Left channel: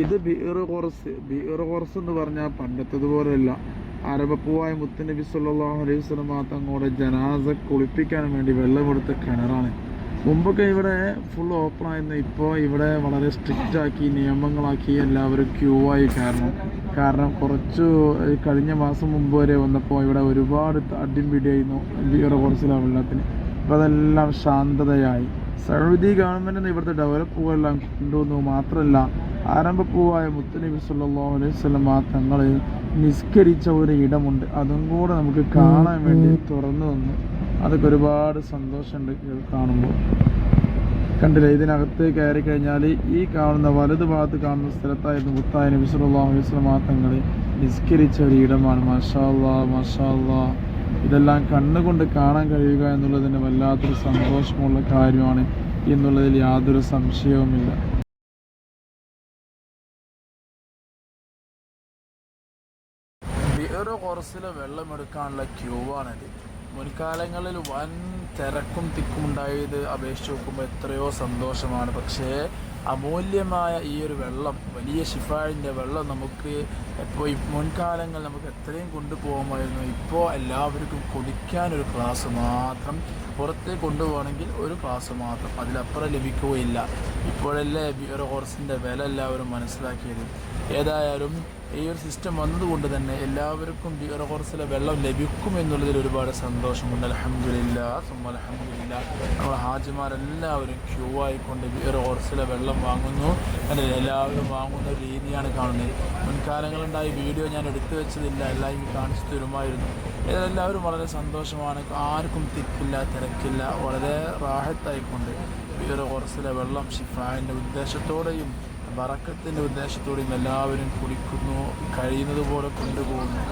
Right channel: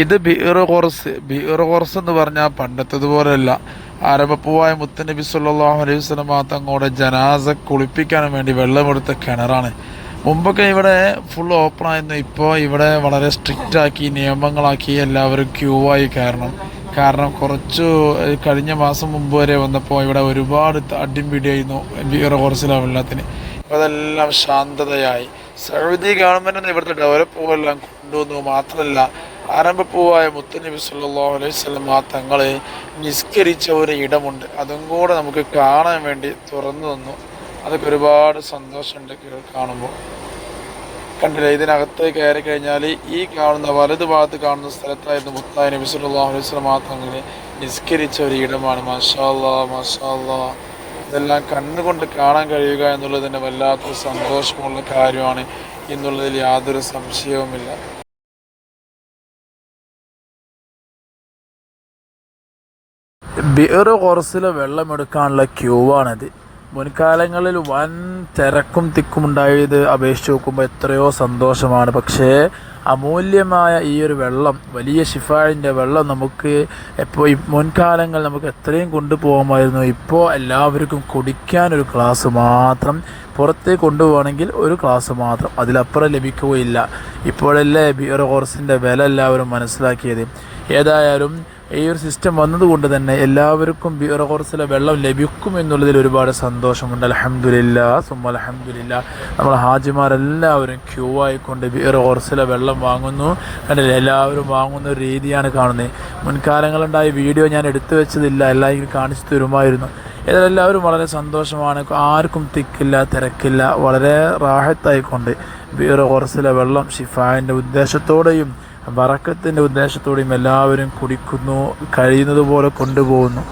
ഇത് beer course beer course എന്ന് പറഞ്ഞാൽ പണ്ടത്തതുപോലെയല്ല. ആരംഭപ്പൂവായ മുത്തനബി സല്ലല്ലാഹു അലൈഹി വസല്ലമ തങ്ങളുടെ ജനാസ കുളിപ്പിക്കാൻ വേണ്ടി വെള്ളമെടുത്ത കിണറാണ്. മുമ്പൊക്കെ ഇവിടെ ഫുൾ ഓപ്പൺ ആയിരുന്നു. ഇപ്പോൾ ഇവിടെ വളരെ സ്ട്രിക്റ്റ് ആക്കി നിയമങ്ങളാക്കി എല്ലാവരും ക്യൂ ആയി കാരണം കാരണം കുറച്ചു കഴിഞ്ഞ മാസം മുമ്പ് വരെ വന്നപ്പോൾ ഇവിടെ ഒരുപാട് അടിയും പിടിയായിരുന്നു ബീർ കോർസിലെ വെള്ളത്തിന്. ഇപ്പോൾ അതെല്ലാം ശാന്തതയായി. സൗദി ഗവൺമെന്റ് ഇവിടുത്തെ ഡെവലപ്പ് എല്ലാം കൊണ്ടുവന്നു. മാത്രമല്ല ആരംഭപ്പൂവായ മുത്തനബി വസല്ലം ആ തങ്ങളെ നിസ്കരിച്ച ഒരു ഇടമുണ്ട്. അതും കൂടെ നമുക്ക് കാണാൻ വേണ്ടി തുറന്നു തന്നു. അതൊക്കെ ഒരുപാട് സന്തോഷമുണ്ട് കാണുമ്പോൾ. കണ്ടില്ല ഇതിനകത്ത് കയറി കഴിഞ്ഞാൽ ഈ കാണുന്ന വലതു ഭാഗത്ത് കാണുന്ന സ്ഥലത്തായിരുന്നു മുത്തായ നബി വസല്ലം ആ തങ്ങൾ നിസ്കരിച്ച ഒരു ഇടമാണ്. മാഷാ മഷാല്ലാ മാഷാ അല്ലാ ഇതെല്ലാം കണ്ണുകൊണ്ട് കാണാൻ കഴിയുക എന്നുള്ളത് തന്നെ വല്ലാത്തൊരു സന്തോഷമുള്ള കാര്യമാണ്. എന്നുള്ളതിൽ യാതൊരു സംശയവുമില്ല. ബിയർ കുറച്ചിൽ വെള്ളമെടുക്കാനുള്ള ക്യൂ ആണിത് മുൻകാലങ്ങളിൽ വൻ തിരക്കും തിക്കും ഉണ്ടായത് അപേക്ഷിച്ച് നോക്കുമ്പോൾ എത്രയോ സന്തോഷമാണ്. പക്ഷേ അമൂല്യമായ ഈ ഒരു വെള്ളം വലിയ ഷിഫാഴിന്റെ വെള്ളം നമുക്ക് ഇപ്പോൾ മുൻകാലങ്ങൾ നമുക്ക് എത്രയും കൊണ്ടുപോകാമായിരുന്നു. ഇപ്പോൾ എല്ലാവർക്കും കുടിക്കാൻ ഒരു ക്ലാസ് മാത്രം പുറത്തേക്ക് കൊണ്ടുപോകണമെങ്കിൽ ഒരു ക്ലാസ് മാത്രം. അതിലപ്പുറം ലഭിക്കുകയില്ല. ഇപ്പോഴല്ലേ ബിയർ കോർസിന്റെ വില എല്ലാവരും മനസ്സിലാക്കിയത്. ഏതായാലും ഈ ഒരു സിസ്റ്റം വന്നതുകൊണ്ട് തന്നെ എല്ലാവർക്കും ബിയർ കോർസിലെ വെള്ളം ലഭിക്കും എന്നുള്ളതിൽ ഒരുപാട് സന്തോഷമുണ്ട്. അലഹമില്ല സുമ അലഹമില്ല നമ്മൾ ഹാജിമാരെല്ലാവരും ക്യൂ ആയിക്കൊണ്ട് ബിയർ കോർസിലെ വെള്ളം വാങ്ങുന്നു. കണ്ടില്ലേ? എല്ലാവരും വാങ്ങുന്ന ഒരു രീതിയാണ് കാണുന്നത്. മുൻകാലങ്ങളുണ്ടായ വീഡിയോ ഞാൻ എടുത്തു വെച്ചതില്ല. എല്ലാം കാണിച്ചു തരുമായിരുന്നു. ഇതിലെല്ലാവരും എല്ലാവരും വളരെ സന്തോഷമാണ്. ആർക്കും തിക്കില്ല തിരക്കില്ല. വളരെ റാഹത്തായിക്കൊണ്ട് ബിയർ കോർസിലെ വെള്ളം ഷിഫായിന്റെ ഉദ്ദേശത്തോടെയും വറക്കത്തിന്റെ ഉദ്ദേശത്തോടെയും എല്ലാവരും കുടിക്കുന്നു കഴിയുന്നത് പോലെ കൊണ്ടുപോകുന്നു.